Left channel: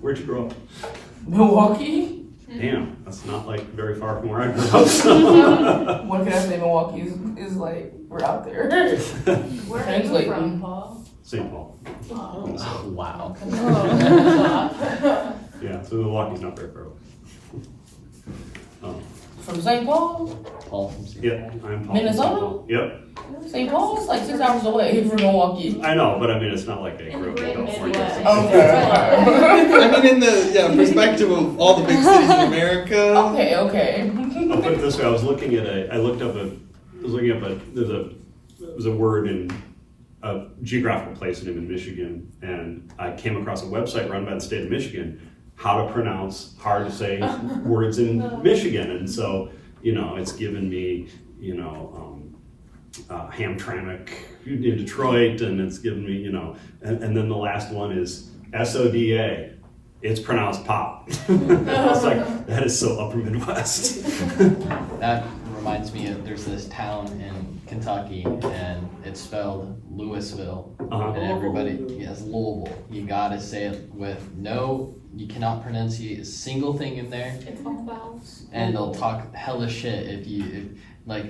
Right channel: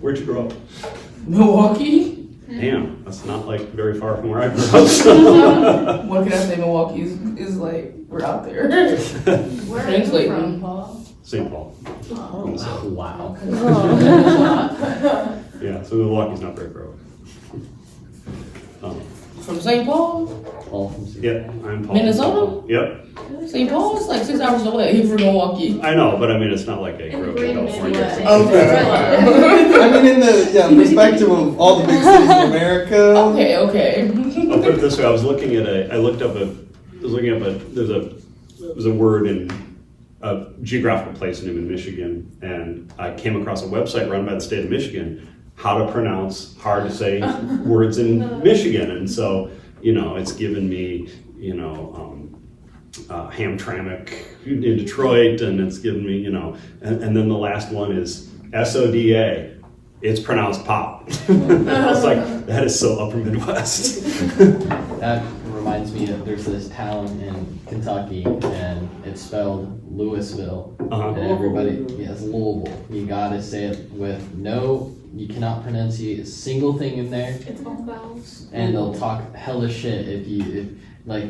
Where'd you grow up? Milwaukee? Damn, that's not like very far from where I grew up. So. What can I say? Milwaukee is like, we're out there. Where are you Translate. from, Paul? St. Paul. Oh. So, Wow. yeah, so Milwaukee's not very far away. From St. Paul? Well, Yeah, I'm Paul. Minnesota? Yep. St. Paul is like 6 hours away from Milwaukee. I know, but I mean, it's not like I grew up in California. or something. Okay. I mean, in the perspective of all the big cities in America. Okay. I'll put it this way: I was looking at there's a word in a geographical place in Michigan, and I came across a website run by the state of Michigan, how to pronounce hard to say words in Michigan, and so it's given me Hamtramck in Detroit, and it's given me and then the last one is SODA. It's pronounced pop. I was like, that is so upper Midwest. that reminds me of there's this town in Kentucky, and it's spelled Louisville, and everybody has Louisville. You gotta say it with you cannot pronunciate a single thing in there, It's all vowels. and they'll talk hella shit if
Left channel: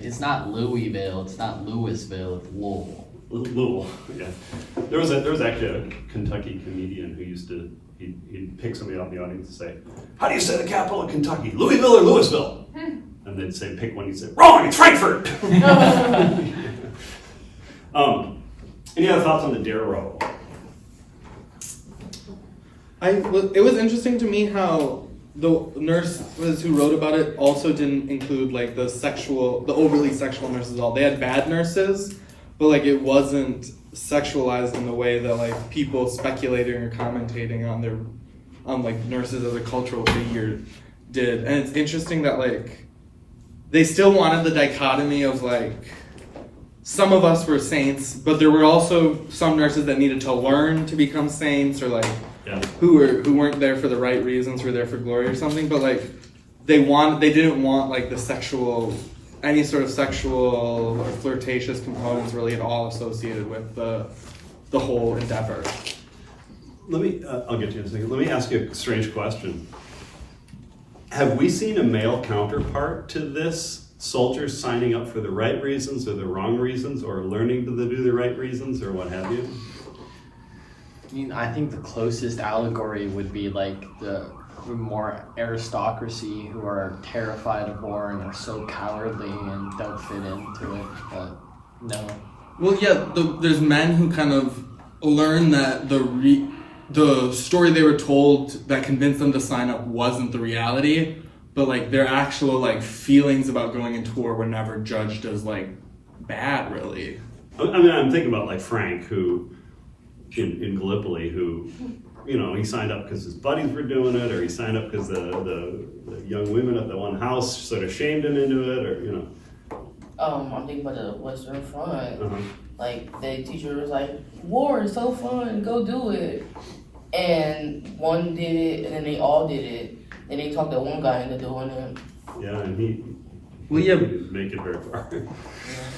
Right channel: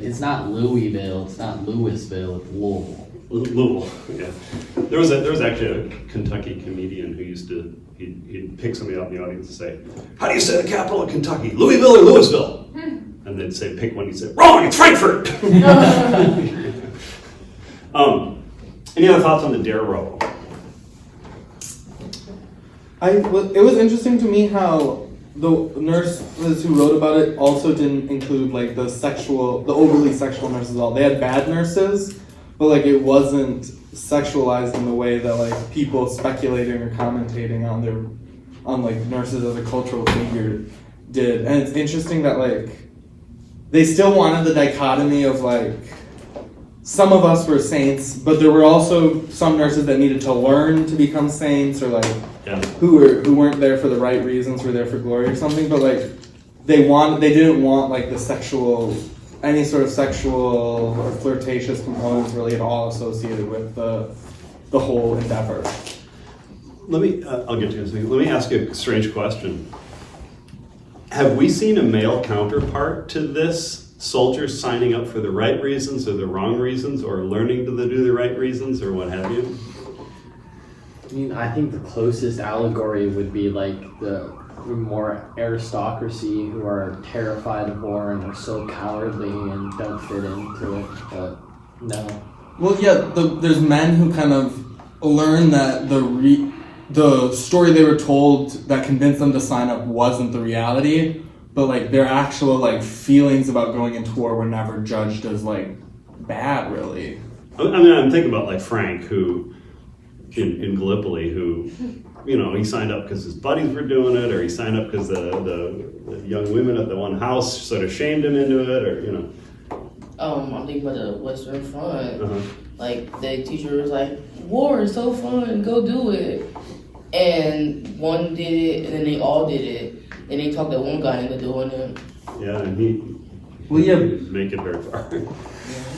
it's not Louisville, it's not Louisville, it's Louisville. Louisville, yeah. There was actually a Kentucky comedian who used to he'd pick somebody out in the audience and say, "How do you say the capital of Kentucky? Louisville or Louisville?" And they'd say, "Pick one." He'd say, "Wrong, it's Frankfurt." Any other thoughts on the dare roll? It was interesting to me how the nurses who wrote about it also didn't include like the overly sexual nurses at all. They had bad nurses, but like it wasn't sexualized in the way that like people speculating or commentating on like nurses as a cultural figure did. And it's interesting that like they still wanted the dichotomy of like some of us were saints, but there were also some nurses that needed to learn to become saints, or like who weren't there for the right reasons, who were there for glory or something. But like they didn't want like any sort of sexual or flirtatious components really at all associated with the whole endeavor. I'll get to you in a second. Let me ask you a strange question. Have we seen a male counterpart to this? Soldiers signing up for the right reasons or the wrong reasons, or learning to do the right reasons, or what have you? I mean, I think the closest allegory would be like the more aristocracy who are terrified of war and are so cowardly and don't fit into it, but no. Well, yeah, there's men who kind of learn that the story they were told that convinced them to sign up wasn't the reality, but like their actual like feelings about going into war were never judged as like bad, really. I mean, I'm thinking about like Frank, who in Gallipoli, who he signed up because his buddies were doing it, or he signed up because the young women at the one house sort of shamed him into it, or I'm thinking about the Western Front. Like the teacher was like, "War is so fun, go do it." And one did it, and then they all did it. And they talked that one guy into doing it. Yeah, and he didn't make it very far.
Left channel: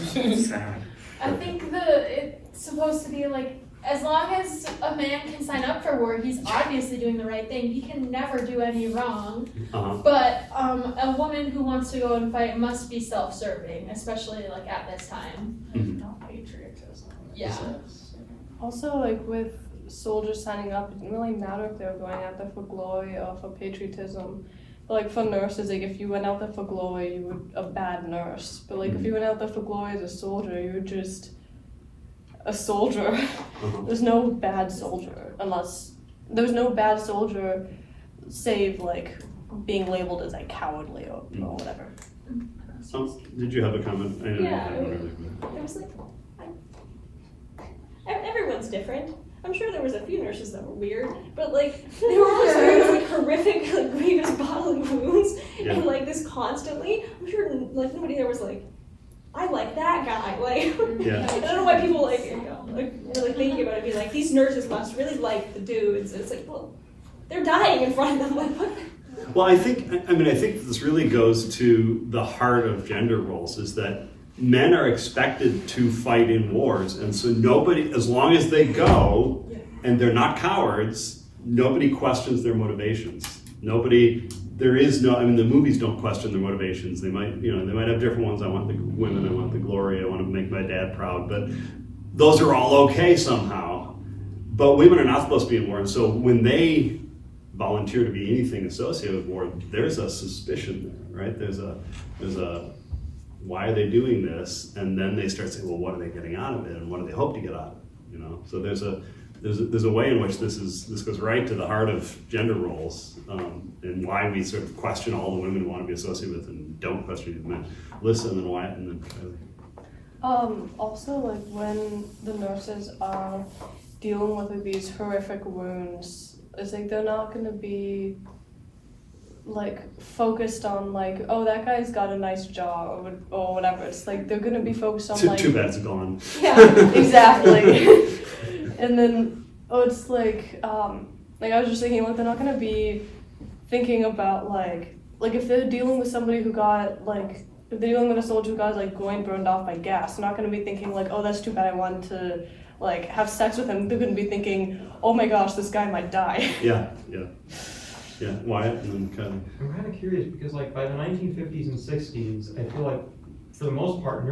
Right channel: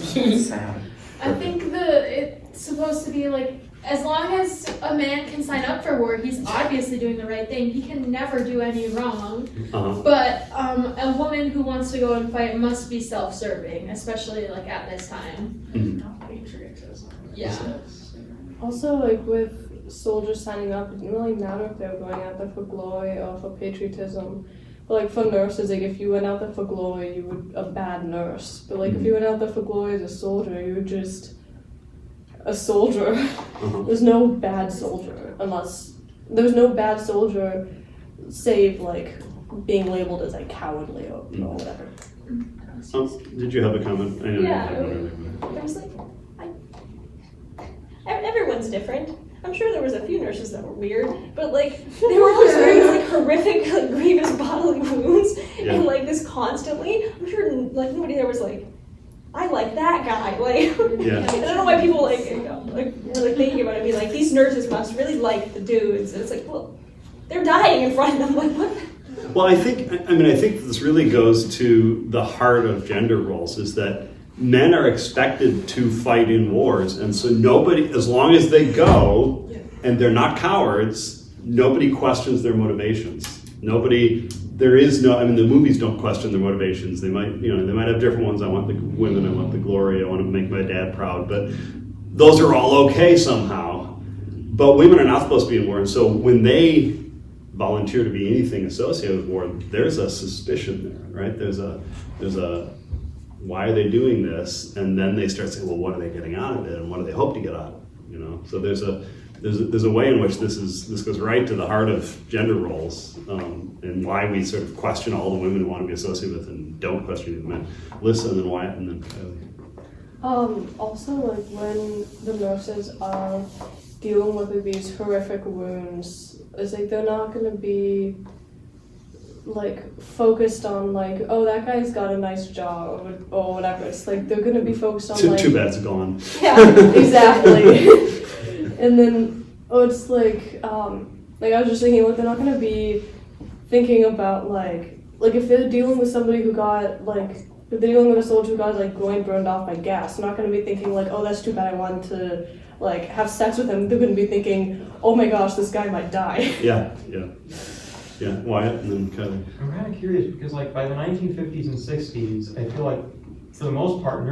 Sad. I think it's supposed to be like, as long as a man can sign up for war, he's obviously doing the right thing. He can never do any wrong. But a woman who wants to go and fight must be self-serving, especially like at this time. Mm-hmm. Patriotism. Yeah. Also, like with soldiers signing up, it didn't really matter if they were going out there for glory or for patriotism. But like for nurses, like if you went out there for glory, you were a bad nurse. But like if you went out there for glory as a soldier, you were just a soldier. There's no bad soldier, unless there's no bad soldier save like being labeled as like cowardly or whatever. Did you have a comment? I know Yeah. you had one earlier. There was like, everyone's different. I'm sure there was a few nurses that were weird, but like they were always wearing like horrific, like grievous bodily wounds, and like this constantly. I'm sure like nobody there was like, I like that guy. Like, I don't know why people were like thinking about it, being like, these nurses must really like the dudes. And it's like, well, they're dying in front of them. Like, what? Well, I think this really goes to the heart of gender roles, is that men are expected to fight in wars, and so nobody, as long as they go and they're not cowards, nobody questions their motivations. There is no, I mean, the movies don't question their motivations. They might have different ones. I want the women, I want the glory, I want to make my dad proud, but those are all okay somehow. But women are not supposed to be in war, and so when they volunteer to be anything associated with war, there's a suspicion there, right? There's a why are they doing this? And then they start saying, well, what are they getting out of it, and what do they hope to get out of it? You know, so there's a way in which this goes right to the heart of gender roles, and why we sort of question all the women who want to be associated with and don't question the men. Listen, and then Wyatt, and then Kylie. Also, like when the nurses are dealing with these horrific wounds, it's like they're not gonna be like focused on like, oh, that guy's got a nice jaw or whatever. It's like they're gonna be focused on like, too bad it's gone. yeah, exactly. And then it's like I was just thinking, like, they're not gonna be thinking about like if they're dealing with somebody who got like, if they're dealing with a soldier who got like groin burned off by gas, they're not gonna be thinking like, oh, that's too bad, I wanted to like have sex with him. They're gonna be thinking, oh my gosh, this guy might die. Yeah. Wyatt, and then Kylie. I'm kind of curious because, like, by the 1950s and 60s, I feel like for the most part,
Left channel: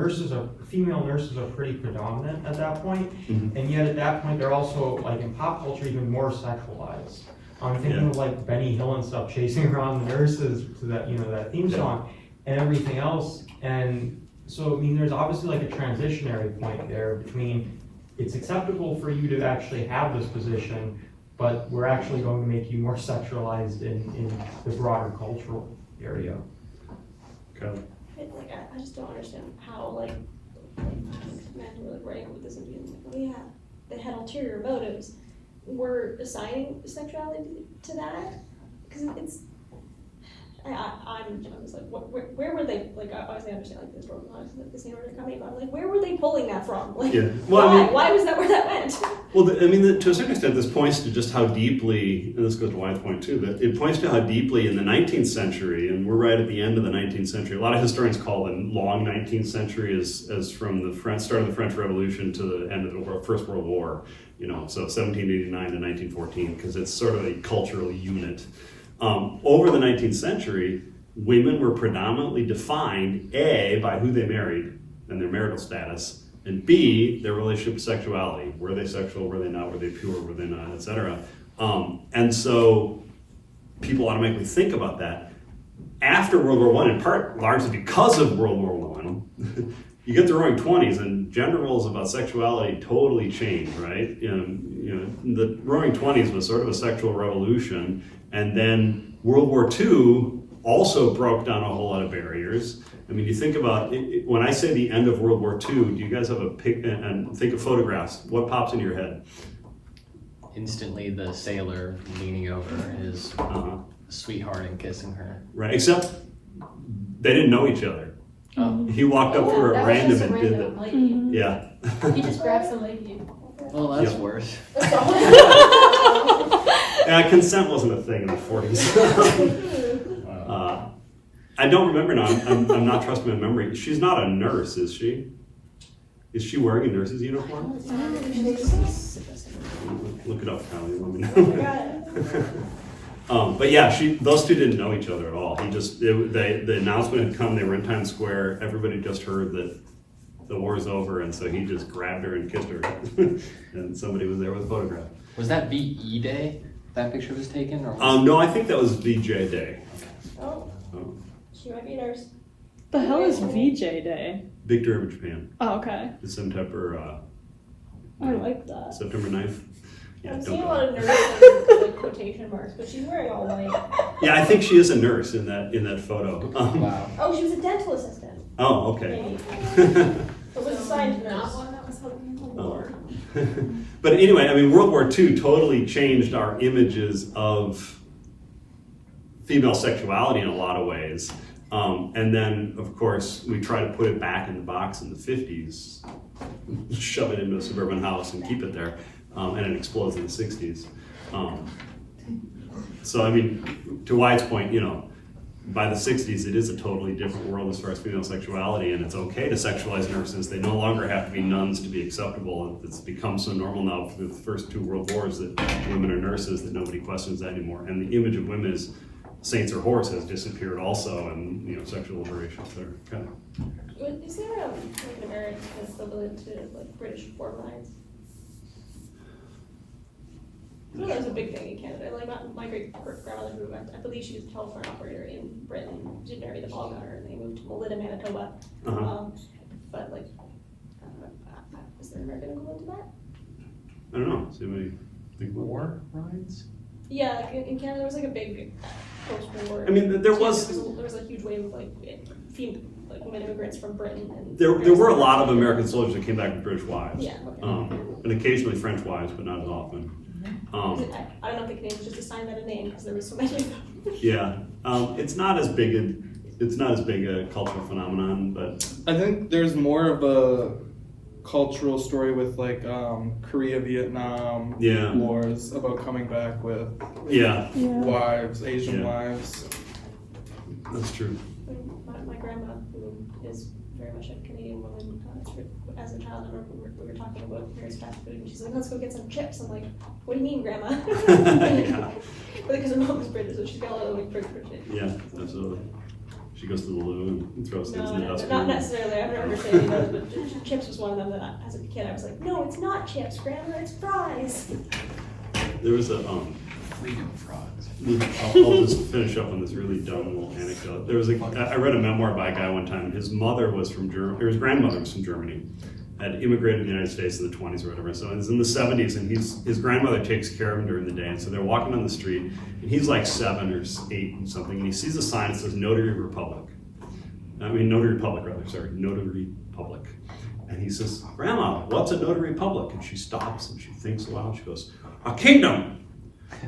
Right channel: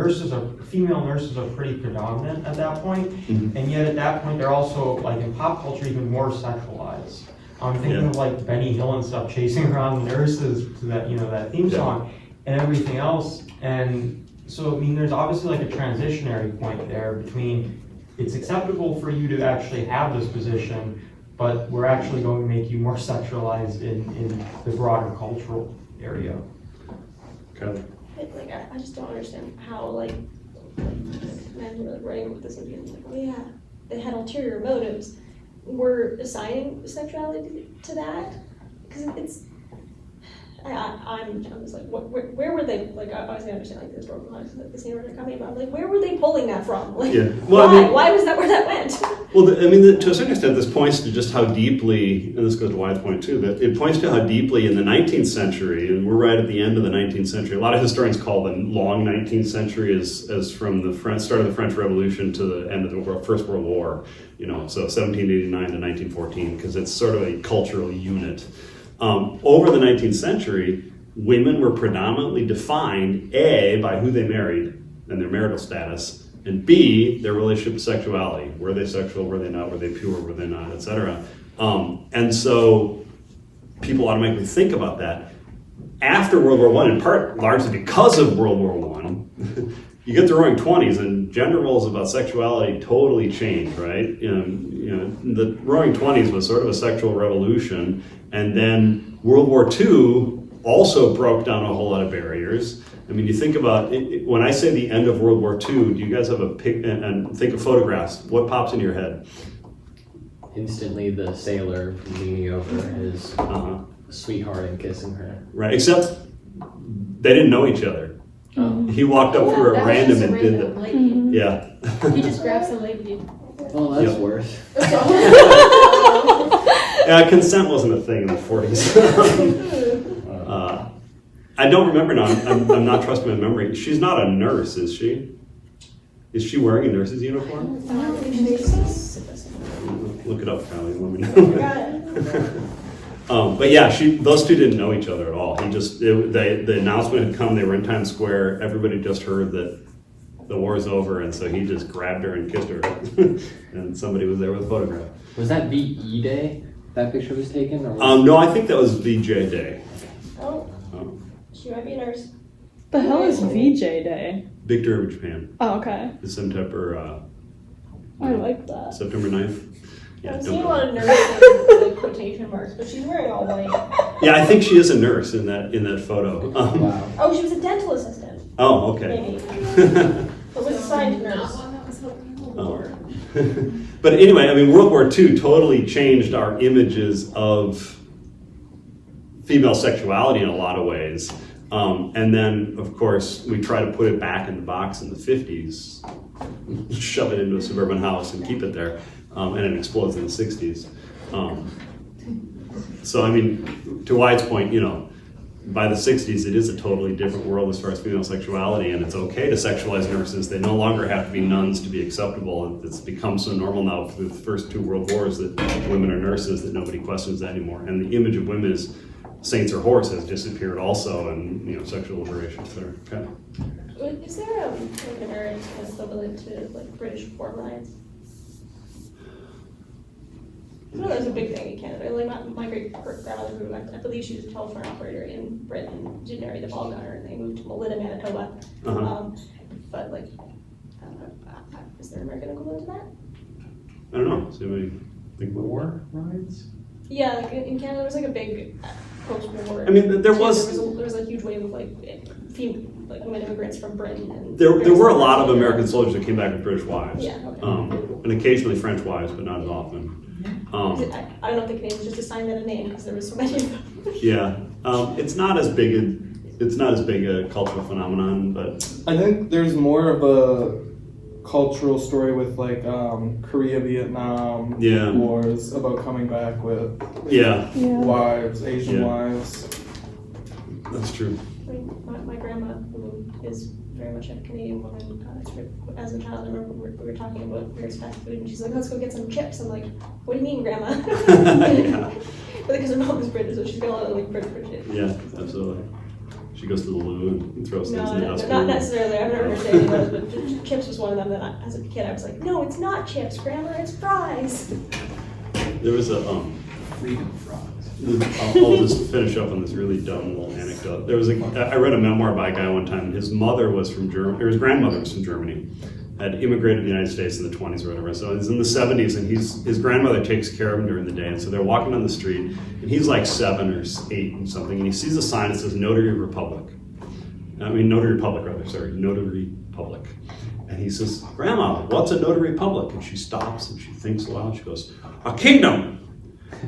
female nurses are pretty predominant at that point, and yet at that point, they're also, like, in pop culture, even more sexualized. I'm thinking of, like, Benny Hill and stuff chasing around nurses to that, that theme song and everything else. And so, I mean, there's obviously, like, a transitionary point there between it's acceptable for you to actually have this position, but we're actually going to make you more sexualized in the broader cultural area. Kylie. Like, I just don't understand how, like, men were writing with this and being like, oh yeah, they had ulterior motives. We're assigning sexuality to that? Because it's, I was like, where were they, like, I was gonna understand, like, this broken lives, like, the scene where they're coming about, like, where were they pulling that from? Like, why was that where that went? Well, to a certain extent, this points to just how deeply, and this goes to Wyatt's point too, that it points to how deeply in the 19th century, and we're right at the end of the 19th century, a lot of historians call the long 19th century as from the start of the French Revolution to the end of the First World War, so 1789 to 1914, because it's sort of a cultural unit. Over the 19th century, women were predominantly defined, A, by who they married and their marital status, and B, their relationship to sexuality. Were they sexual? Were they not? Were they pure? Were they not? Etc. And so people automatically think about that. After World War I, in part largely because of World War I, you get the Roaring '20s, and gender roles about sexuality totally change, right? The Roaring '20s was sort of a sexual revolution, and then World War II also broke down a whole lot of barriers. I mean, you think about it, when I say the end of World War II, do you guys have a pic and think of photographs? What pops in your head? Instantly, the sailor leaning over his sweetheart and kissing her. Right, except they didn't know each other. He walked up to her at random and did that. Mm-hmm. Yeah. He just grabs the lady. Well, that's worse. Consent wasn't a thing in the 40s. I don't remember now. I'm not trusting my memory. She's not a nurse, is she? Is she wearing a nurse's uniform? Look it up, Kylie, and let me know. But yeah, those two didn't know each other at all. The announcement had come. They were in Times Square. Everybody just heard that the war's over, and so he just grabbed her and kissed her, and somebody was there with a photograph. Was that VE Day? That picture was taken? Or No, I think that was VJ Day. She might be a nurse. The hell is VJ Day? Victory of Japan. Oh, okay. The September. I like that. September 9th. Yeah, I'm don't seeing a go. lot of nurses with quotation marks, but she's wearing all white. Yeah, I think she is a nurse in that photo. Wow. Oh, she was a dental assistant. Oh, okay. Was assigned to nurse. But anyway, I mean, World War II totally changed our images of female sexuality in a lot of ways. And then, of course, we try to put it back in the box in the 50s, shove it into a suburban house and keep it there, and it explodes in the 60s. So, I mean, to Wyatt's point, by the 60s, it is a totally different world as far as female sexuality, and it's okay to sexualize nurses. They no longer have to be nuns to be acceptable. It's become so normal now through the first 2 world wars that women are nurses that nobody questions that anymore. And the image of women as saints or whores has disappeared also, and sexual liberation, etc. Okay. Is there an American equivalent to like British form lines? I know that's a big thing in Canada. Like my great grandmother, who I believe she was a telephone operator in Britain, she married a ball gunner, and they moved to Melita, Manitoba. But like, is there an American equivalent to that? I don't know. Does anybody think about war rights? Yeah, like in Canada, there was like a big post-war. I mean, there was a huge wave of like women immigrants from Britain. And there were a lot of American soldiers that came back with British wives, yeah, okay. And occasionally French wives, but not as often. I don't know if the Canadians just assigned that a name because there was so many of them. Yeah, it's not as big a cultural phenomenon, but I think there's more of a cultural story with like Korea, Vietnam wars about coming back with wives, Asian wives. That's true. My grandma, who is very much a Canadian woman, as a child, I remember we were talking about various fast food, and she's like, "Let's go get some chips." I'm like, "What do you mean, Grandma?" Yeah. Because her mom is British, so she's got a lot of like British shit. Yeah, absolutely. She goes to the loo and throws things in the dustbin. Not necessarily. I've never saying those, but chips was one of them that as a kid I was like, "No, it's not chips, Grandma, it's fries." There was a I'll just finish up on this really dumb little anecdote. I read a memoir by a guy one time, and his mother was from Germany, or his grandmother was from Germany, had immigrated to the United States in the 20s or whatever. So he's in the 70s, and his grandmother takes care of him during the day. And so they're walking down the street, and he's like 7 or 8 and something, and he sees a sign that says Notary Public. Notary Public. And he says, "Grandma, what's a notary public?" And she stops and she thinks a while, and she goes, "A kingdom."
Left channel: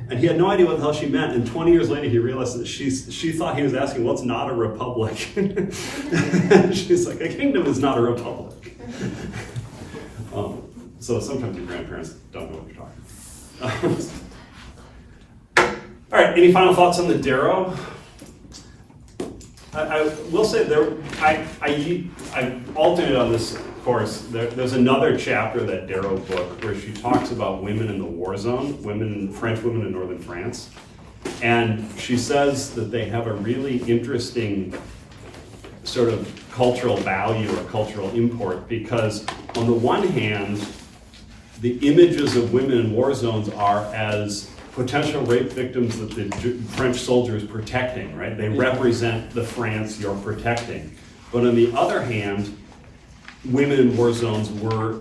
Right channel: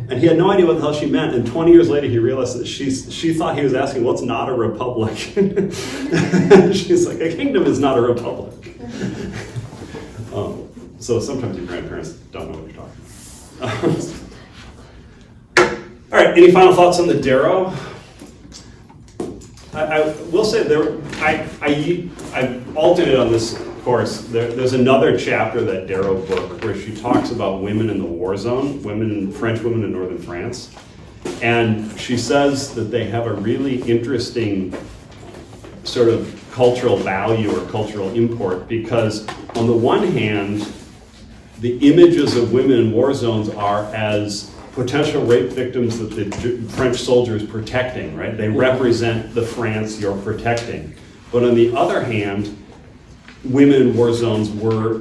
And he had no idea what the hell she meant. And 20 years later, he realized that she thought he was asking, "What's not a republic?" And she's like, "A kingdom is not a republic." So sometimes your grandparents don't know what you're talking about. All right, any final thoughts on the Darrow? I will say I alternated on this course. There's another chapter of that Darrow book where she talks about women in the war zone, French women in northern France. And she says that they have a really interesting sort of cultural value or cultural import, because on the one hand, the images of women in war zones are as potential rape victims that the French soldier is protecting, right? They represent the France you're protecting. But on the other hand, women in war zones were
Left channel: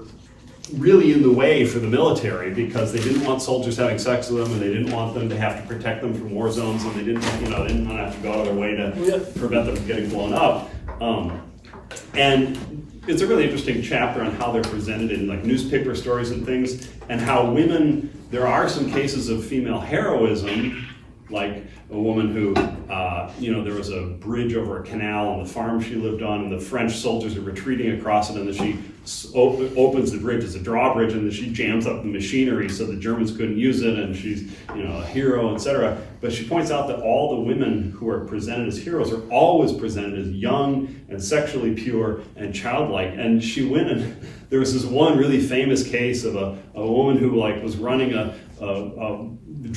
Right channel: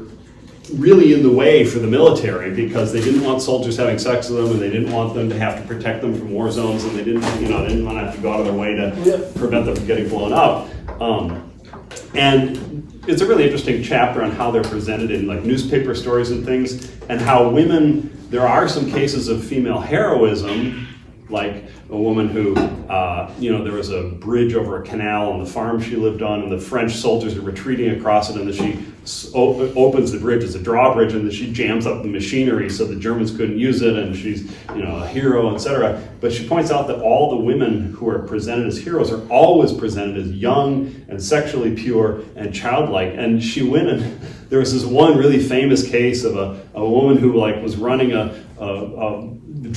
really in the way for the military because they didn't want soldiers having sex with them, and they didn't want them to have to protect them from war zones, and they didn't want to have to go out of their way to prevent them from getting blown up. And it's a really interesting chapter on how they're presented in like newspaper stories and things, and how women, there are some cases of female heroism, like a woman who, there was a bridge over a canal on the farm she lived on, and the French soldiers are retreating across it, and then she opens the bridge as a drawbridge, and then she jams up the machinery so the Germans couldn't use it, and she's a hero, etc. But she points out that all the women who are presented as heroes are always presented as young and sexually pure and childlike. And she went, and there was this one really famous case of a woman who was running a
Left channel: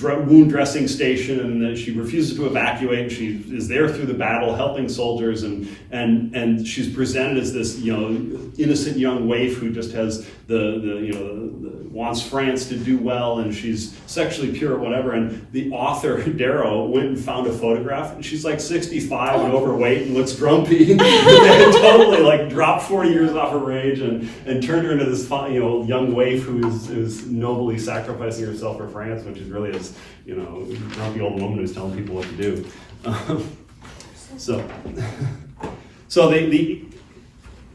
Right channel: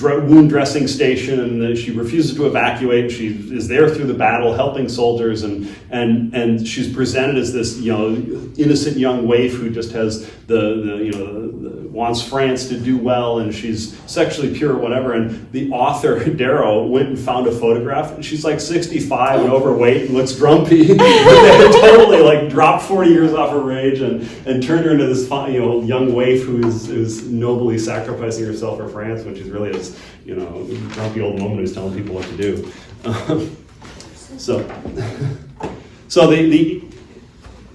wound dressing station, and she refuses to evacuate. She is there through the battle helping soldiers, and she's presented as this innocent young waif who just has wants France to do well, and she's sexually pure or whatever. And the author Darrow went and found a photograph, and she's like 65 and overweight and looks grumpy. They had totally dropped 40 years off her age and turned her into this young waif who is nobly sacrificing herself for France, when she's really this grumpy old woman who's telling people what to do. So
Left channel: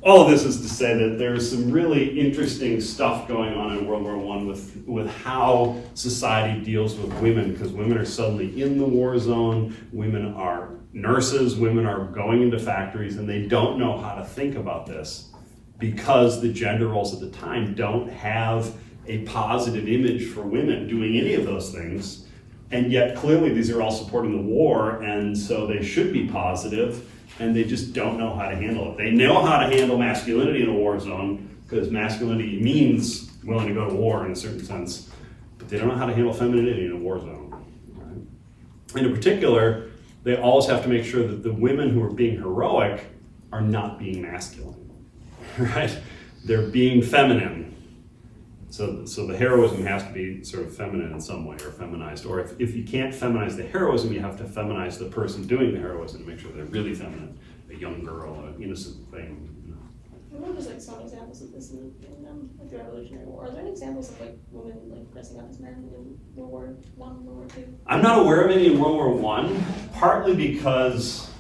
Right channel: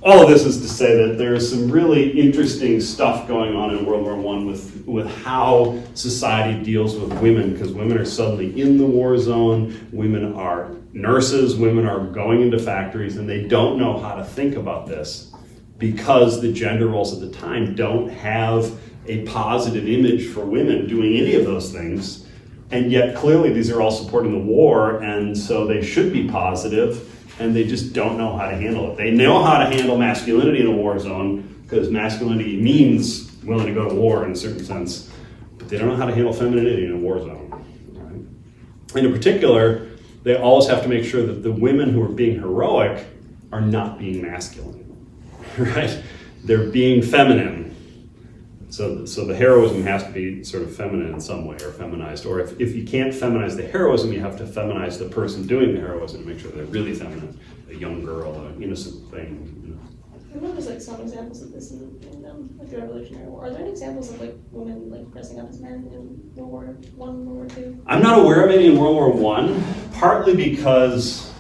all of this is to say that there's some really interesting stuff going on in World War I with how society deals with women, because women are suddenly in the war zone, women are nurses, women are going into factories, and they don't know how to think about this because the gender roles at the time don't have a positive image for women doing any of those things, and yet clearly these are all supporting the war, and so they should be positive, and they just don't know how to handle it. They know how to handle masculinity in a war zone, because masculinity means willing to go to war in a certain sense, but they don't know how to handle femininity in a war zone. Right? And in particular, they always have to make sure that the women who are being heroic are not being masculine, right? They're being feminine. So the heroism has to be sort of feminine in some way, or feminized. Or if you can't feminize the heroism, you have to feminize the person doing the heroism to make sure they're really feminine. A young girl, an innocent thing. You know. I know there's like some examples of this in like the Revolutionary War. Are there any examples of like women like dressing up as men in World War One, World War Two? I'm not aware of any in World War One, partly because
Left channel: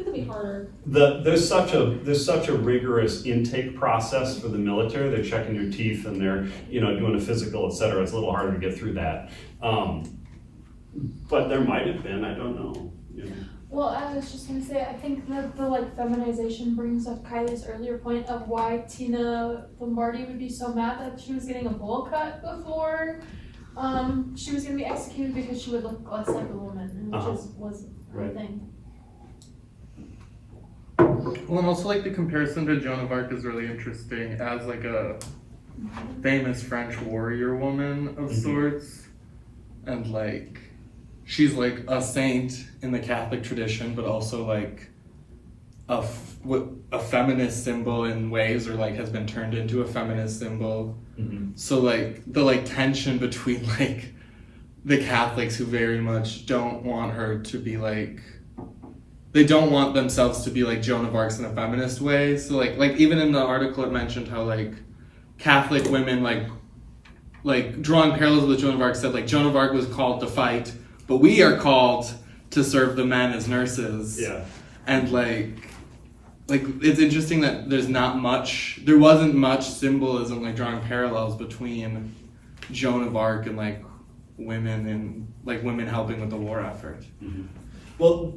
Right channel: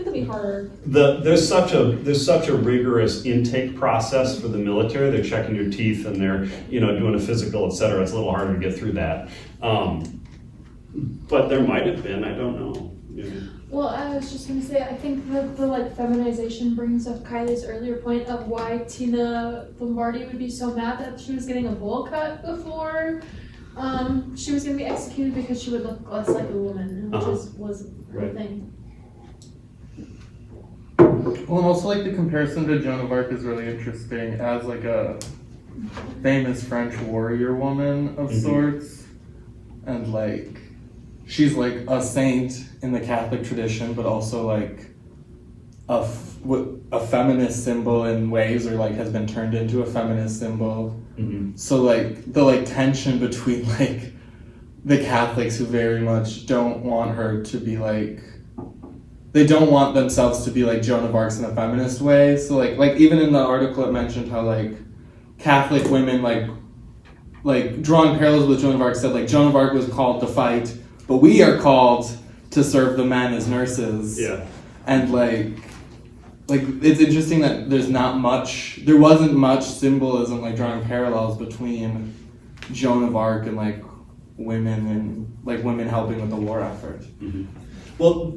It could be harder. there's such a rigorous intake process for the military. They're checking your teeth and they're doing a physical, et cetera. It's a little harder to get through that. But there might have been. I don't know. Well, I was just gonna say, I think that the like feminization brings up Kylie's earlier point of why Tina Lombardi would be so mad that she was getting a bowl cut before she was gonna be executed, because she would look less like a woman, which was her thing. Well, and also like the comparison to Joan of Arc is really interesting as like a famous French warrior woman of sorts, and like she's like a saint in the Catholic tradition, but also like a feminist symbol in ways, or like has been turned into a feminist symbol. So like the like tension between like the Catholics who very much don't want her to be like, they don't want themselves to be like Joan of Arc in a feminist way. So like even in the article it mentioned how like Catholic women like drawing parallels with Joan of Arc said like Joan of Arc was called to fight, but we are called to serve the men as nurses. Yeah. And like it's interesting that there wasn't much symbolism like drawing parallels between Joan of Arc and like women helping with the war effort. Well,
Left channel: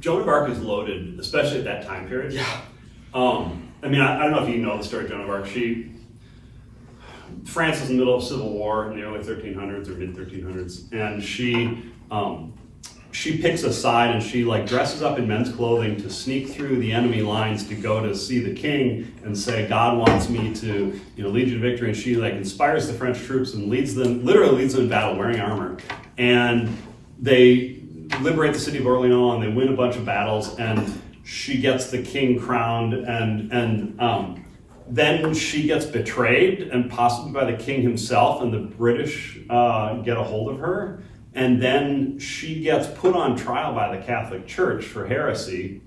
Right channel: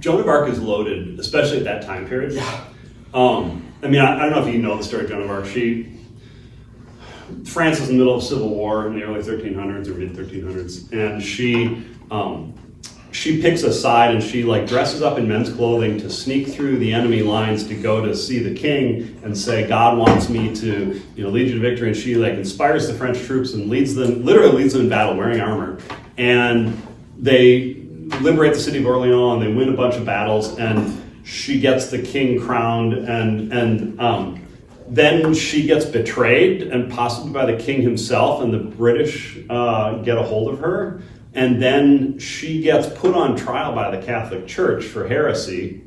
Joan of Arc is loaded, especially at that time period. Yeah. I mean, I don't know if you know the story of Joan of Arc. France was in the middle of civil war in the early 1300s or mid 1300s, and she picks a side and she like dresses up in men's clothing to sneak through the enemy lines to go to see the king and say, God wants me to lead you to victory. And she like inspires the French troops and literally leads them in battle wearing armor. And they liberate the city of Orleans and they win a bunch of battles, and she gets the king crowned, and then she gets betrayed, and possibly by the king himself, and the British get a hold of her. And then she gets put on trial by the Catholic Church for heresy.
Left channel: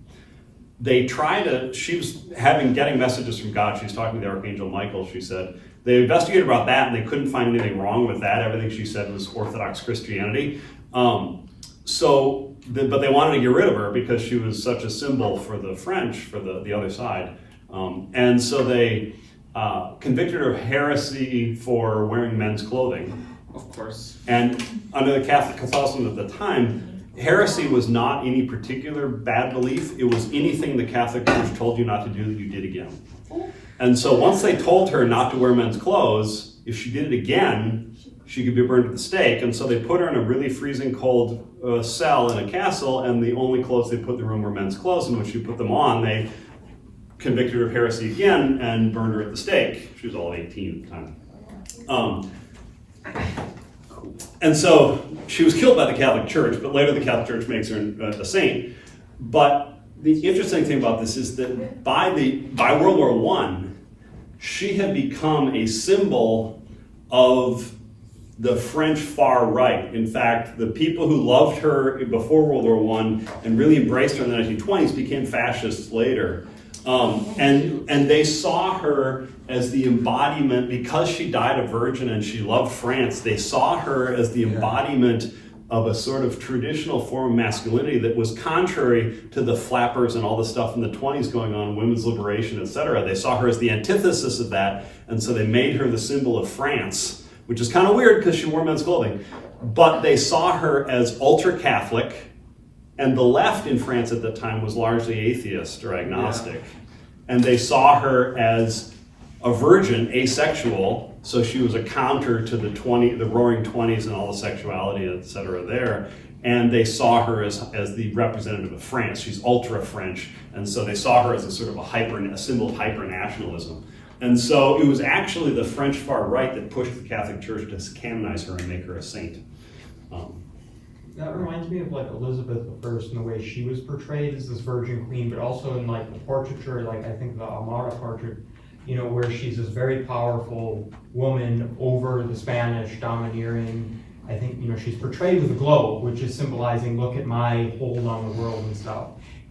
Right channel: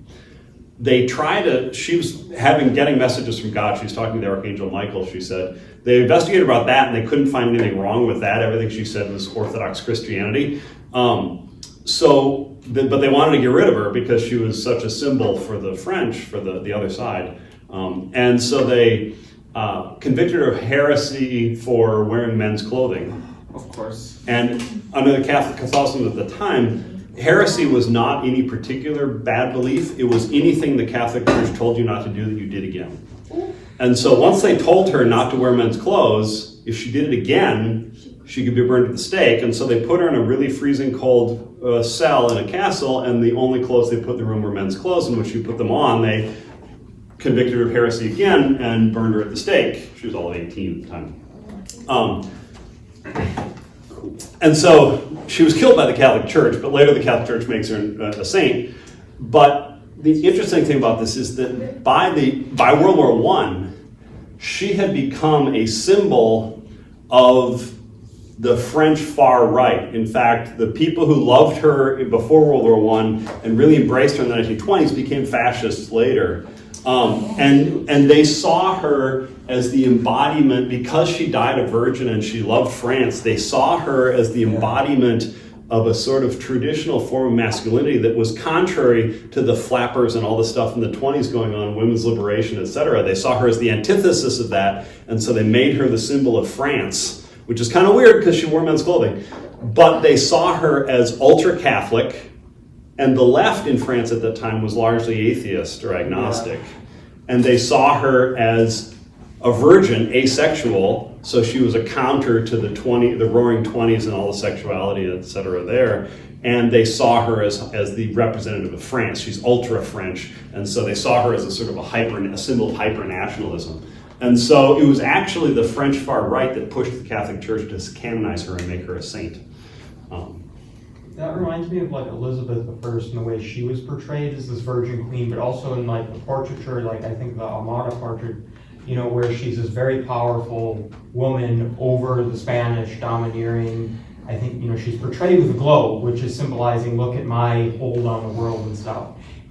She was getting messages from God. She was talking to the Archangel Michael, she said. They investigated about that and they couldn't find anything wrong with that. Everything she said was Orthodox Christianity. But they wanted to get rid of her because she was such a symbol for the French, for the other side. And so they convicted her of heresy for wearing men's clothing. Of course. And under the Catholicism at the time, heresy was not any particular bad belief. It was anything the Catholic Church told you not to do that you did again. And so once they told her not to wear men's clothes, if she did it again, she could be burned at the stake. And so they put her in a really freezing cold cell in a castle, and the only clothes they put in the room were men's clothes. And when she put them on, they convicted her of heresy again and burned her at the stake. She was all 18 at the time. And so she was killed by the Catholic Church, but later the Catholic Church makes her a saint. But the interesting thing about this is that by World War I, she had become a symbol of the French far right. In fact, the people who loved her before World War I and really embraced her in the 1920s became fascists later. And they saw her as the embodiment, because she died a virgin and she loved France, they saw her as the embodiment of a sort of traditional form of masculinity that was contrary to the flappers and all the stuff in the 20s going on, women's liberation, etc. They saw her as the antithesis of that, and so they made her the symbol of France, which is kind of weird because she wore men's clothing. But they saw her as ultra-Catholic, and the left in France at that time was largely atheist or agnostic. And they saw her as a virgin, asexual, so she was a counter to the Roaring Twenties and all the sexuality, et cetera, there. And they saw her as the representative of France. She's ultra French, and so they saw her as a sort of a symbol of hyper nationalism. And so it was actually the French far right that pushed the Catholic Church to canonize her and make her a saint. That reminds me of like Elizabeth I and the way she was portrayed as this virgin queen, but also in like the portraiture, like I think the Almada portrait, you know, where she's this very powerful woman over the Spanish, domineering. I think, you know, she's portrayed with a globe, which is symbolizing, look at my hold on the world and stuff.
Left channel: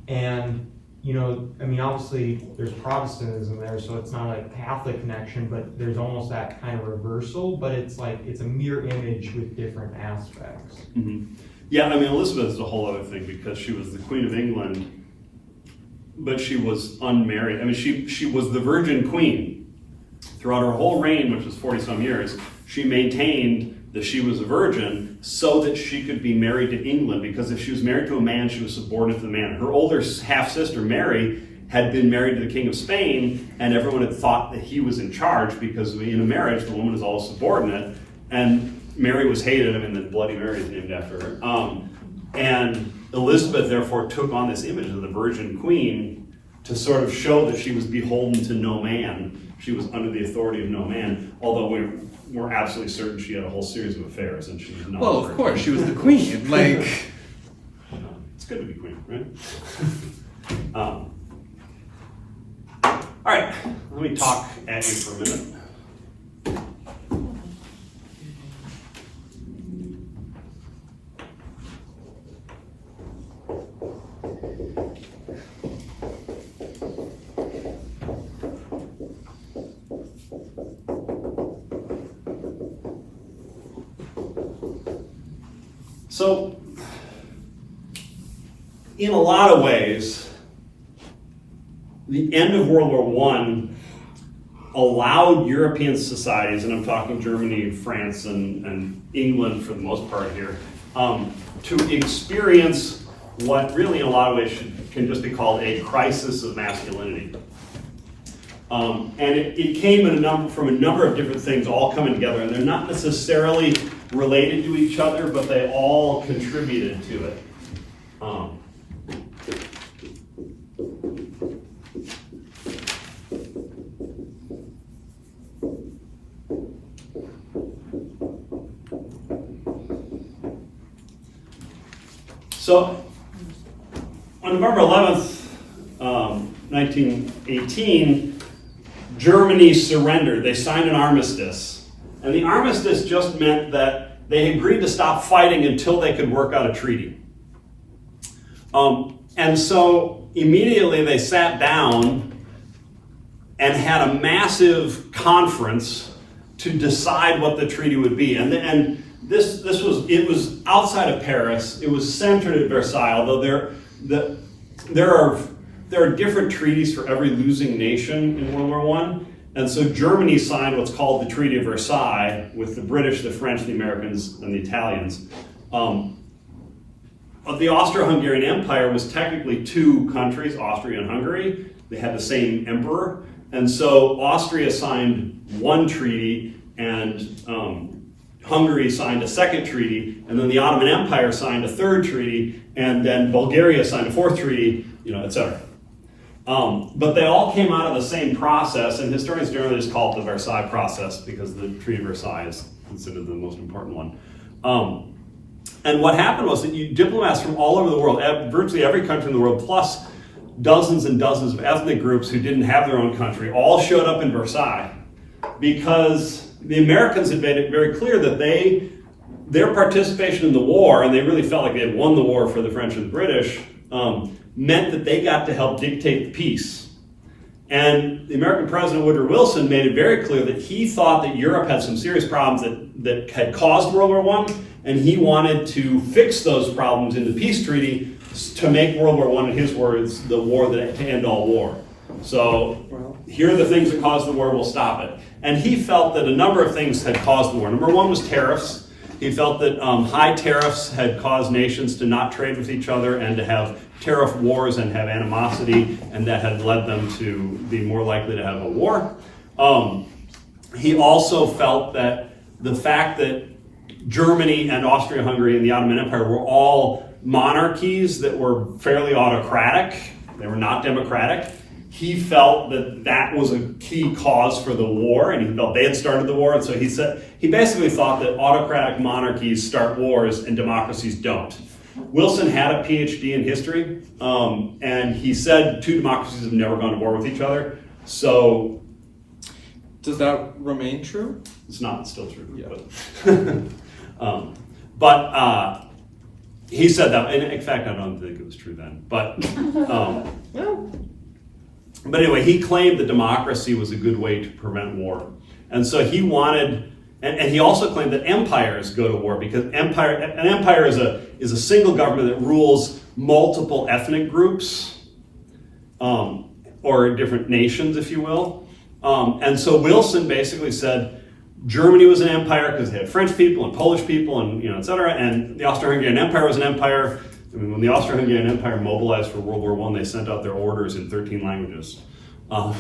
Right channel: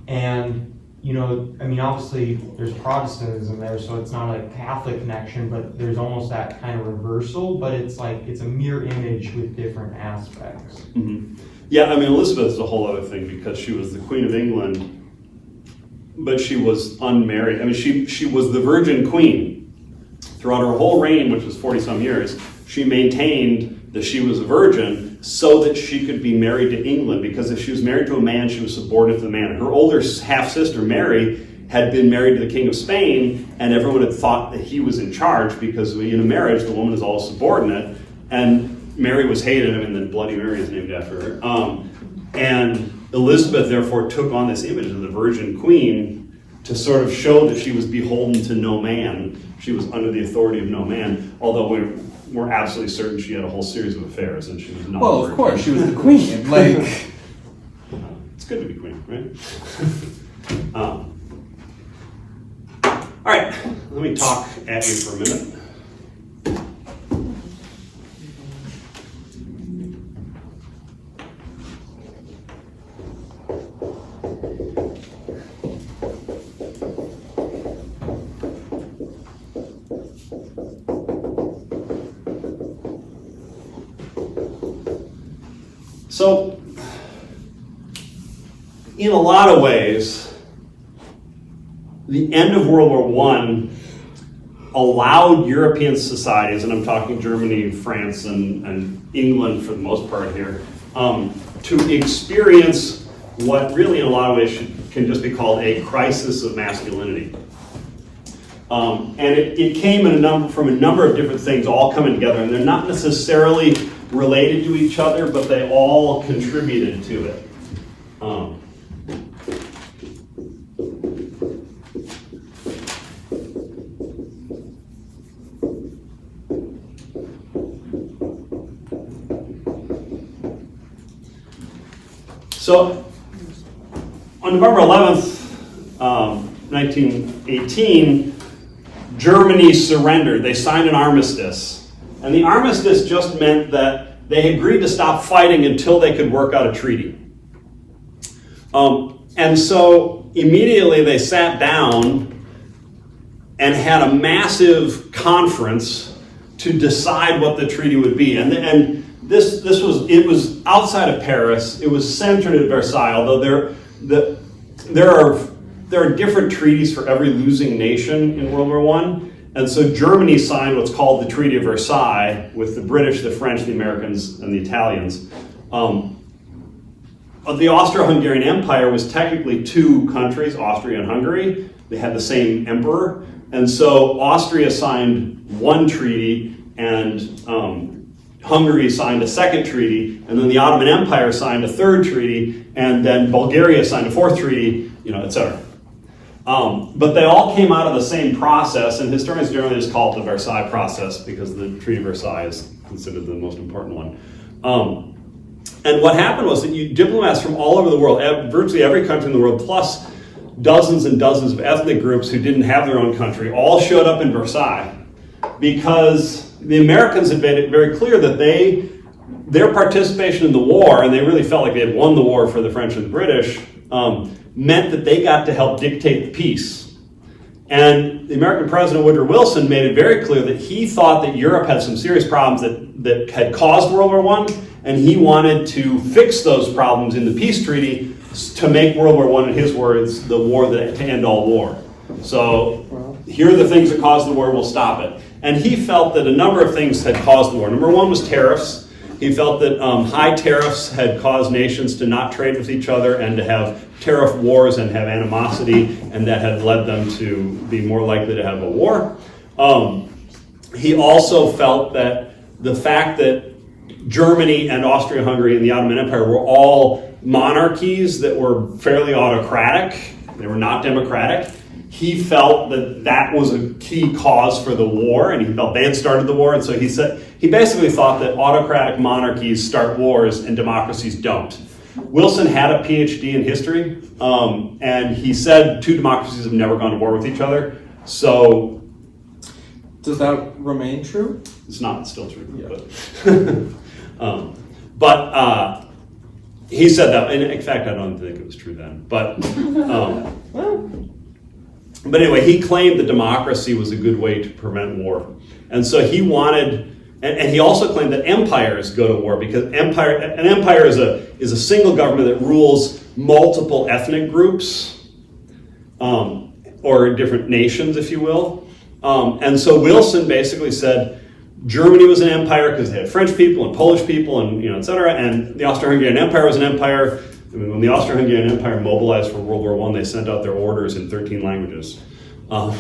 And, you know, I mean, obviously there's Protestantism there, so it's not a Catholic connection, but there's almost that kind of reversal, but it's like, it's a mirror image with different aspects. Mm-hmm. Yeah, I mean, Elizabeth is a whole other thing because she was the Queen of England, but she was unmarried. I mean, she was the Virgin Queen. Throughout her whole reign, which was 40-some years, she maintained that she was a virgin so that she could be married to England, because if she was married to a man, she was subordinate to the man. Her older half-sister, Mary, had been married to the King of Spain, and everyone had thought that he was in charge because in a marriage, the woman is always subordinate, and Mary was hated. I mean, the Bloody Mary is named after her. And Elizabeth, therefore, took on this image of the Virgin Queen to sort of show that she was beholden to no man. She was under the authority of no man, although we're absolutely certain she had a whole series of affairs, and she was not. Well, of course, she was the queen. Like, it's good to be queen, right? All right, let me talk at you for a minute. So, in a lot of ways, the end of World War I allowed European societies, and I'm talking Germany, France, and England for the most part here, to experience what really in a lot of ways can just be called a crisis of masculinity. And it came from a number of different things all coming together, and they're not necessarily related to each other, but they all contributed to it. So, on November 11th, 1918, Germany surrendered. They signed an armistice. And the armistice just meant that they agreed to stop fighting until they could work out a treaty. And so immediately they sat down and had a massive conference to decide what the treaty would be. And this was outside of Paris. It was centered at Versailles, although there are different treaties for every losing nation in World War I. And so Germany signed what's called the Treaty of Versailles with the British, the French, the Americans, and the Italians. The Austro-Hungarian Empire was technically two countries, Austria and Hungary. They had the same emperor. And so Austria signed one treaty, and Hungary signed a second treaty, and then the Ottoman Empire signed a third treaty, and then Bulgaria signed a fourth treaty, etc. But they all came out of the same process, and historians generally just call it the Versailles process because the Treaty of Versailles is considered the most important one. And what happened was that diplomats from all over the world, virtually every country in the world, plus dozens and dozens of ethnic groups who didn't have their own country, all showed up in Versailles because the Americans had made it very clear that their participation in the war, and they really felt like they had won the war for the French and the British, meant that they got to help dictate the peace. And the American President Woodrow Wilson made it very clear that he thought that Europe had some serious problems that had caused World War I, and he wanted to fix those problems in the peace treaty to make World War I, in his words, the war to end all war. So here are the things that caused the war, we'll stop it. And he felt that a number of things had caused the war. Number one was tariffs. He felt that high tariffs had caused nations to not trade with each other and to have tariff wars and have animosity, and that had led them to be more likely to have a war. He also felt that the fact that Germany and Austria-Hungary and the Ottoman Empire were all monarchies that were fairly autocratic, they were not democratic, he felt that that was a key cause for the war, and he felt they had started the war, and so he basically thought that autocratic monarchies start wars and democracies don't. Wilson had a PhD in history, and he said two democracies have never gone to war with each other, so... Does that remain true? It's not, it's still true, Yeah. but he said that, and in fact, I don't think it was true then, but anyway, he claimed that democracy was a good way to prevent war. And so he wanted, and he also claimed that empires go to war because an empire is a single government that rules multiple ethnic groups, or different nations, if you will. And so Wilson basically said Germany was an empire because they had French people and Polish people and et cetera, and the Austro-Hungarian Empire was an empire. I mean, when the Austro-Hungarian Empire mobilized for World War I, they sent out their orders in 13 languages. The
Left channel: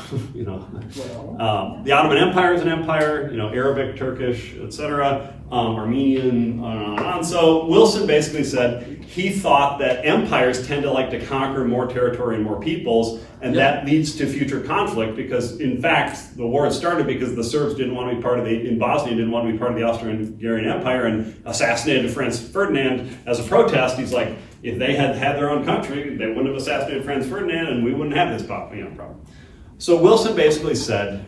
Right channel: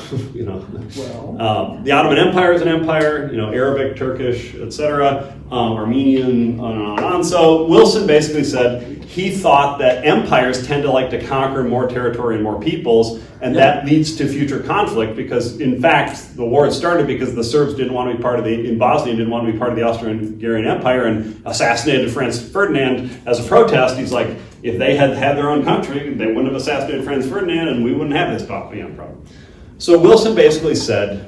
Ottoman Empire is an empire, Arabic, Turkish, etc., Armenian, on and on. So Wilson basically said he thought that empires tend to like to conquer more territory and more peoples, and that leads to future conflict because, in fact, the war had started because the Serbs didn't want to be part of in Bosnia didn't want to be part of the Austro-Hungarian Empire and assassinated Franz Ferdinand as a protest. He's like, if they had had their own country, they wouldn't have assassinated Franz Ferdinand, and we wouldn't have this problem. So Wilson basically said,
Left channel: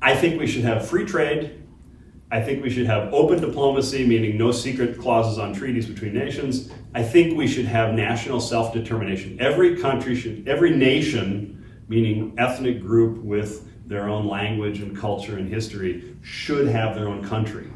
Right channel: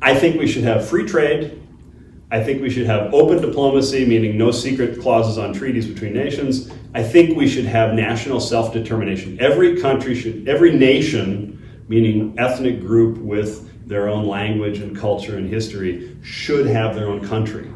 I think we should have free trade. I think we should have open diplomacy, meaning no secret clauses on treaties between nations. I think we should have national self-determination. Every nation, meaning ethnic group with their own language and culture and history, should have their own country.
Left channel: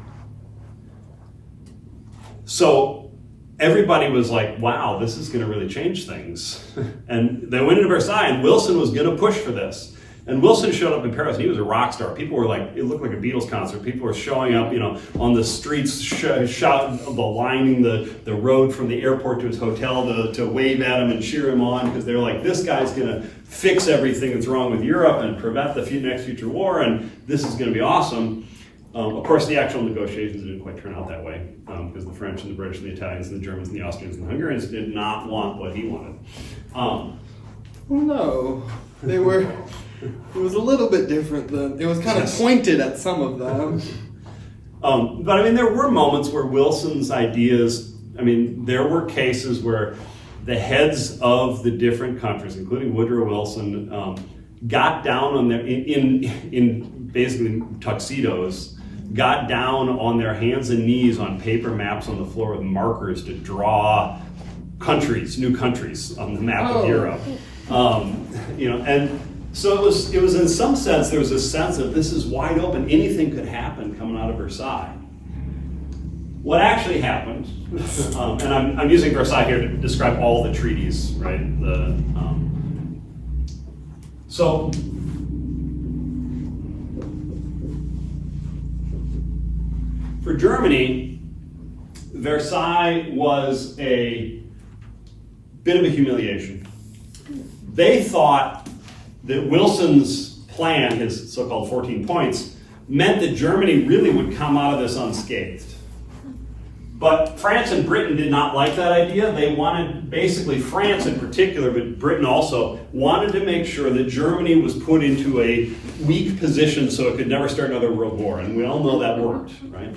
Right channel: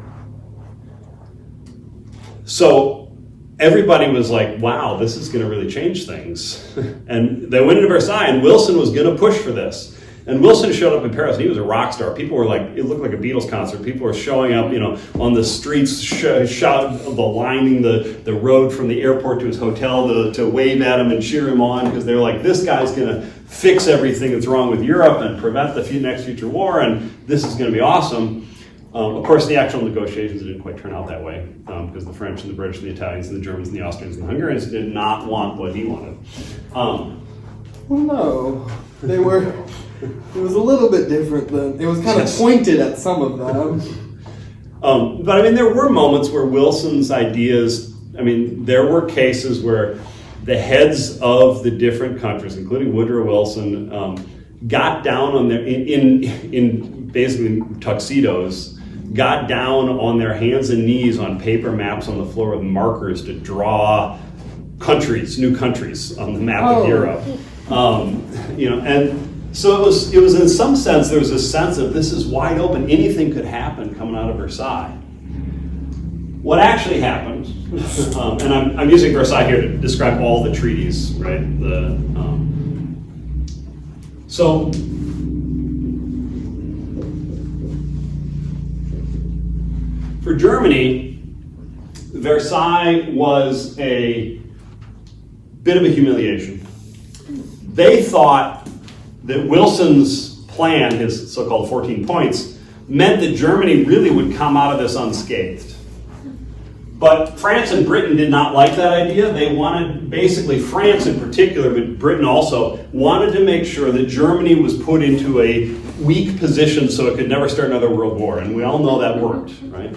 So everybody was like, wow, this is going to really change things. And they went into Versailles, and Wilson was going to push for this. And Wilson showed up in Paris, and he was a rock star. People were like, it looked like a Beatles concert. People were showing up, on the streets, lining the road from the airport to his hotel to wave at him and cheer him on, because they're like, this guy's going to fix everything that's wrong with Europe and prevent the next future war, and this is going to be awesome. Of course, the actual negotiations didn't quite turn out that way, because the French and the British and the Italians and the Germans and the Austrians and the Hungarians did not want what he wanted. Well, no, they were. It was a little bit different then. It was kind of pointed at some of them. But I mean, there were moments where Wilson's ideas. I mean, there were cases where the heads of the different countries, including Woodrow Wilson, got down on their in basically tuxedos, got down on their hands and knees on paper maps on the floor with markers to draw new countries on the map of Europe. And so it was in some sense, there was a sense of this is wide open, anything could happen coming out of Versailles. What actually happened, and I'm using Versailles here to describe all the treaties, right? So for Germany, Versailles was a bit of a humiliation. They thought that Wilson's plan, his so-called 14 points, meant that Germany really would come out of this unscathed. But France and Britain did not like that idea. They wanted, basically France in particular, but Britain also, wanted to make sure that Germany was put into a weak position so it could never start another world war. And we all know that worked, right?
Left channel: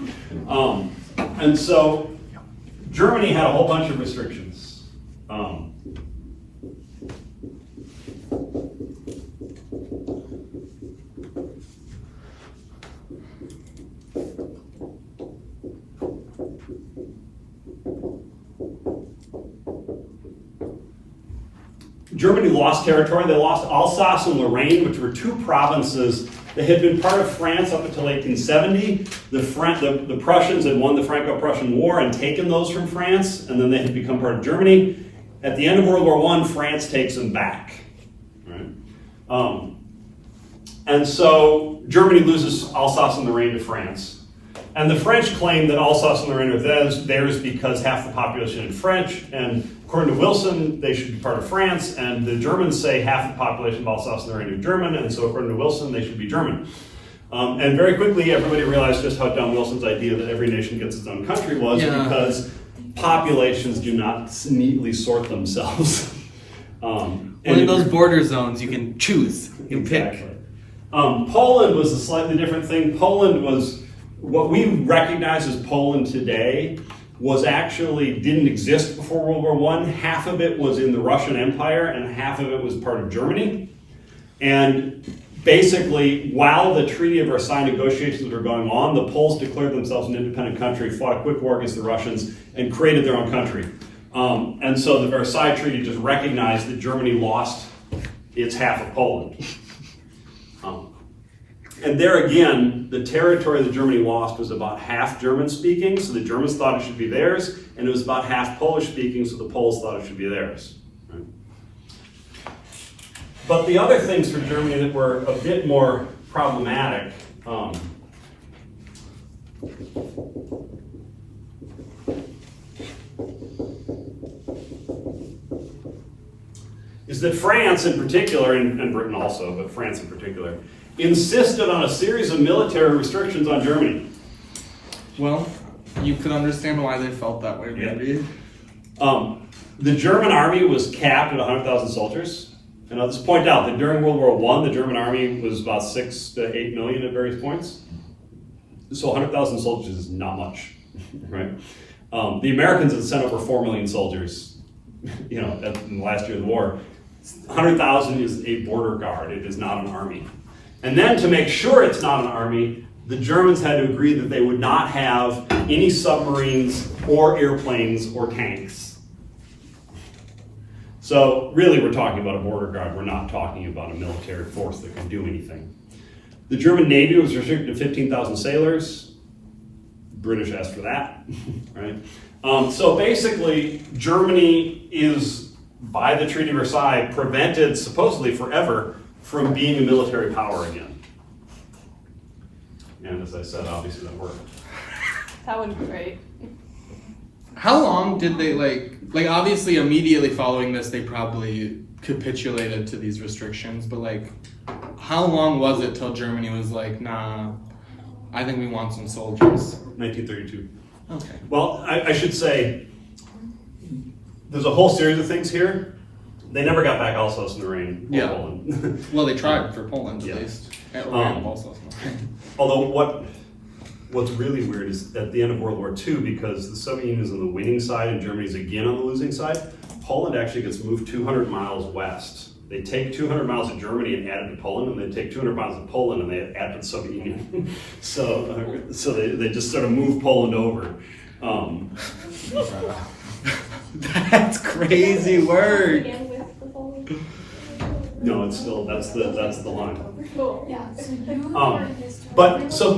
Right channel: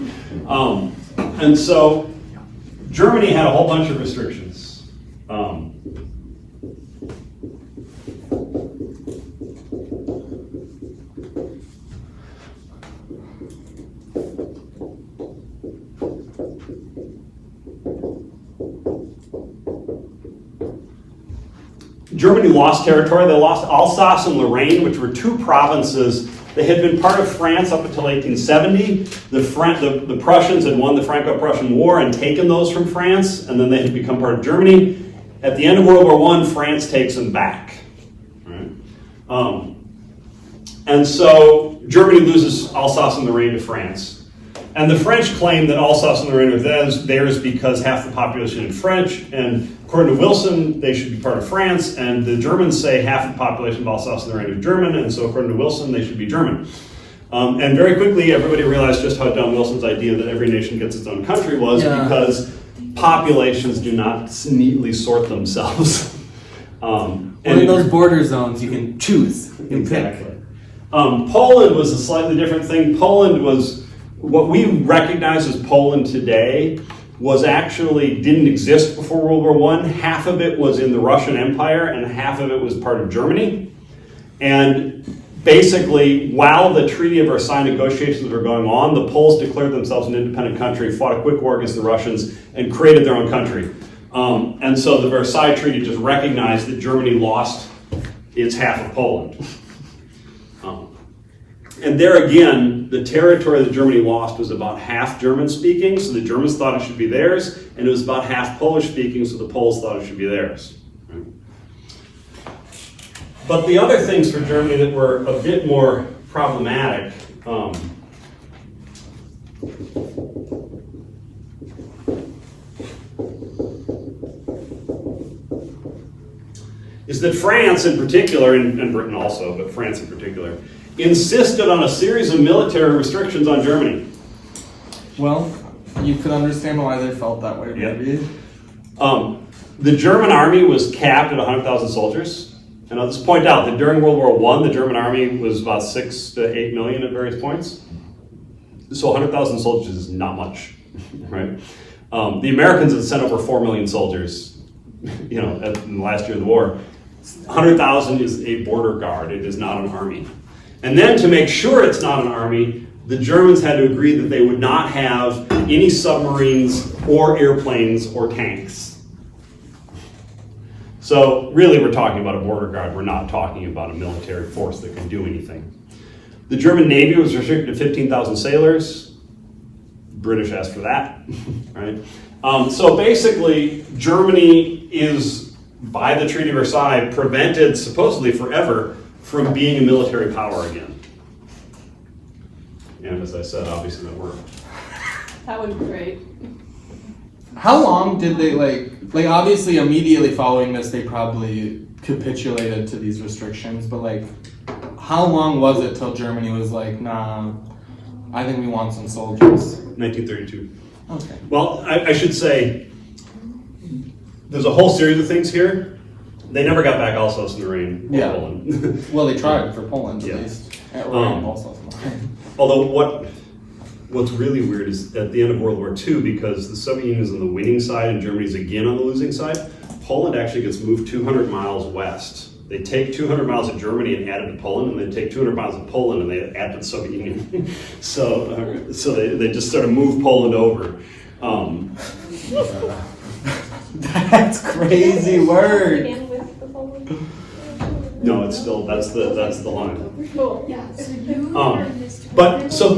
And so Germany had a whole bunch of restrictions. Germany lost territory. They lost Alsace and Lorraine, which were two provinces that had been part of France up until 1870. The Prussians had won the Franco-Prussian War and taken those from France, and then they had become part of Germany. At the end of World War I, France takes them back. Right? And so Germany loses Alsace and Lorraine to France. And the French claimed that Alsace-Lorraine are theirs because half the population is French, and according to Wilson, they should be part of France, and the Germans say half the population of Alsace-Lorraine are German, and so according to Wilson, they should be German. And very quickly, everybody realized just how dumb Wilson's idea that every nation gets its own country was, because populations do not neatly sort themselves. And in those border zones, you can choose, you can pick. Poland was a slightly different thing. Poland was, what we recognize as Poland today was actually didn't exist before World War I. Half of it was in the Russian Empire and half of it was part of Germany. And basically, while the Treaty of Versailles negotiations were going on, the Poles declared themselves an independent country, fought a quick war against the Russians, and created their own country. And so the Versailles Treaty just recognized that Germany lost its half of Poland. And there again, the territory that Germany lost was about half German-speaking, so the Germans thought it should be theirs, and it was about half Polish-speaking, so the Poles thought it should be theirs. Right? But the other things for Germany that were a bit more problematic, is that France in particular, and Britain also, but France in particular, insisted on a series of military restrictions on Germany. Well, you could understand why they felt that way, maybe. The German army was capped at 100,000 soldiers. And I'll just point out that during World War I, the German army was about 6 to 8 million at various points. So 100,000 soldiers is not much, right? The Americans had sent over 4 million soldiers, in the last year of the war. 100,000 is a border guard. It is not an army. And then to make sure it's not an army, the Germans had to agree that they would not have any submarines or airplanes or tanks. So really we're talking about a border guard. We're not talking about a military force that can do anything. The German Navy was restricted to 15,000 sailors. British asked for that, right? So basically Germany is, by the Treaty of Versailles, prevented supposedly forever from being a military power again. And as I said, obviously that worked. That would be great. How long did they, obviously immediately following this, they probably capitulated to these restrictions, but how long was it till Germany was like, nah, I think we want some soldiers? 1932. Okay. Well, I should say, there's a whole series of things here. They never got back Alsace-Lorraine or Poland. Well, they tried for Poland at Yeah. least. Or Alsace-Lorraine. Although what's really weird is at the end of World War II, because the Soviet Union is on the winning side and Germany's again on the losing side, Poland actually gets moved 200 miles west. They take 200 miles of Germany and add it to Poland, and they take 200 miles of Poland and they add to the Soviet Union. so they just sort of move Poland over. That's crazy word. No, it's still, that's the line. Cool. Yeah, so you But so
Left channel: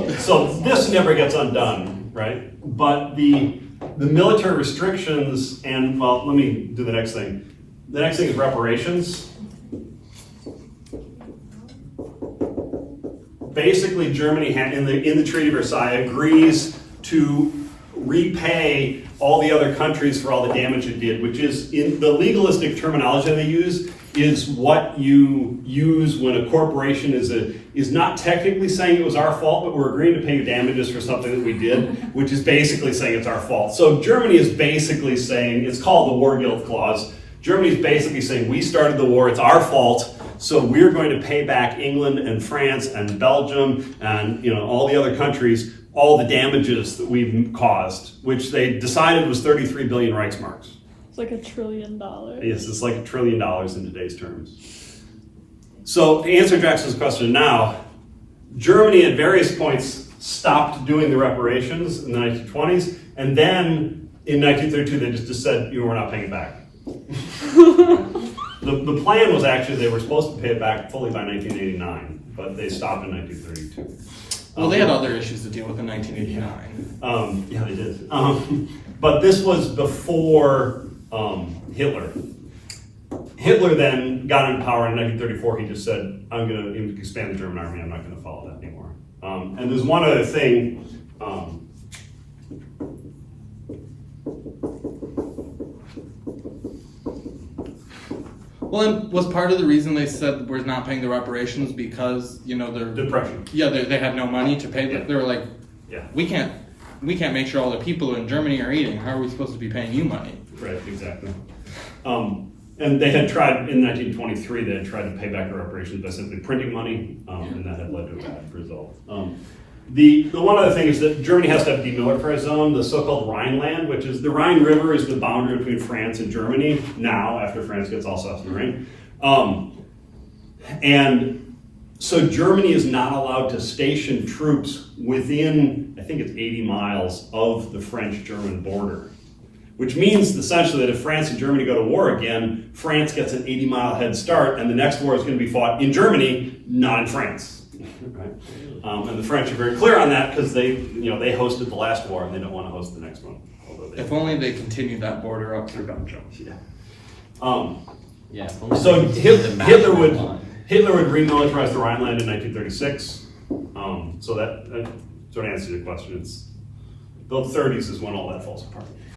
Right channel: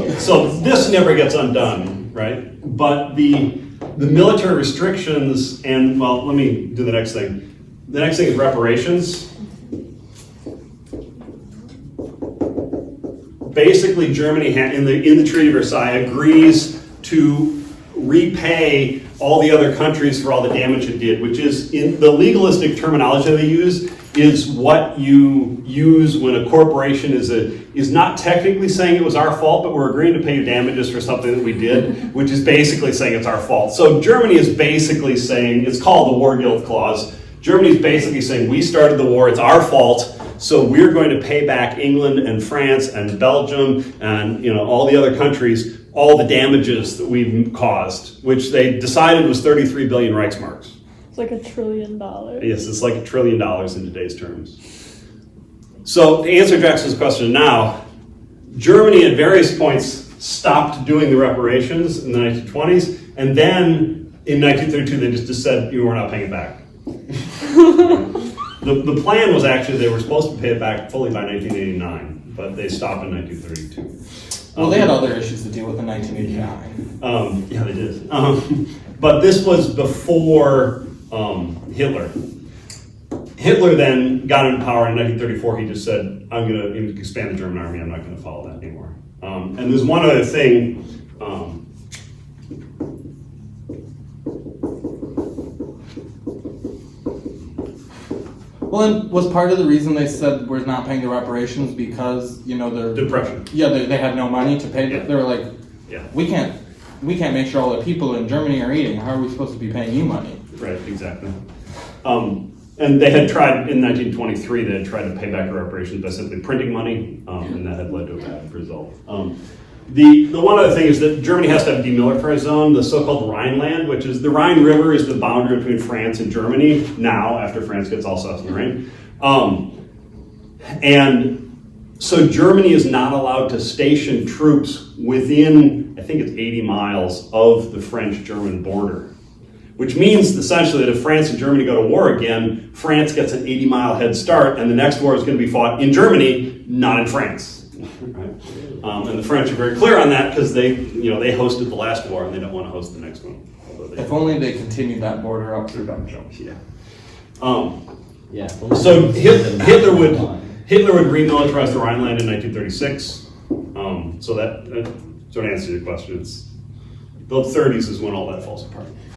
this never gets undone, right? But the military restrictions and, well, let me do the next thing. The next thing is reparations. Basically, Germany in the Treaty of Versailles agrees to repay all the other countries for all the damage it did, which is, in the legalistic terminology that they use, is what you use when a corporation is not technically saying it was our fault, but we're agreeing to pay you damages for something that we did, which is basically saying it's our fault. So Germany is basically saying, it's called the War Guilt Clause. Germany is basically saying, we started the war, it's our fault, so we're going to pay back England and France and Belgium and all the other countries all the damages that we've caused, which they decided was 33 billion Reichsmarks. It's like $1 trillion. Yes, it's like $1 trillion in today's terms. So to answer Jackson's question now, Germany at various points stopped doing the reparations in the 1920s, and then in 1932 they just said, we're not paying it back. The plan was actually they were supposed to pay it back fully by 1989, but they stopped in 1932. Well, they had other issues to deal with in 1989. Yeah, they did. But this was before Hitler. Hitler then got into power in 1934. He just said, I'm going to expand the German army. I'm not going to follow that anymore. And there's one other thing Well, and was part of the reason they said we're not paying the reparations because, you know, they're... Depression. Yeah, they had no money to pay. Yeah. They were like, Yeah. we can't make sure all the people in Germany are eating. How are we supposed to be paying you money? Right, exactly. And they had tried, in 1923, they had tried to pay back the reparations by simply printing money, and that had led to a bad result. The one other thing is that Germany has to have a demilitarized zone, the so-called Rhineland, which is the Rhine River is the boundary between France and Germany now, after France gets Alsace-Lorraine. And so Germany is not allowed to station troops within, I think it's 80 miles of the French-German border. Which means essentially that if France and Germany go to war again, France gets an 80-mile head start, and the next war is going to be fought in Germany, not in France. Right? And the French are very clear on that because they hosted the last war and they don't want to host the next one. If only they continued that border up through Belgium. Yeah. Yeah. So Hitler would remilitarize the Rhineland in 1936. So that sort of answers your question. It's the 30s is when all that falls apart.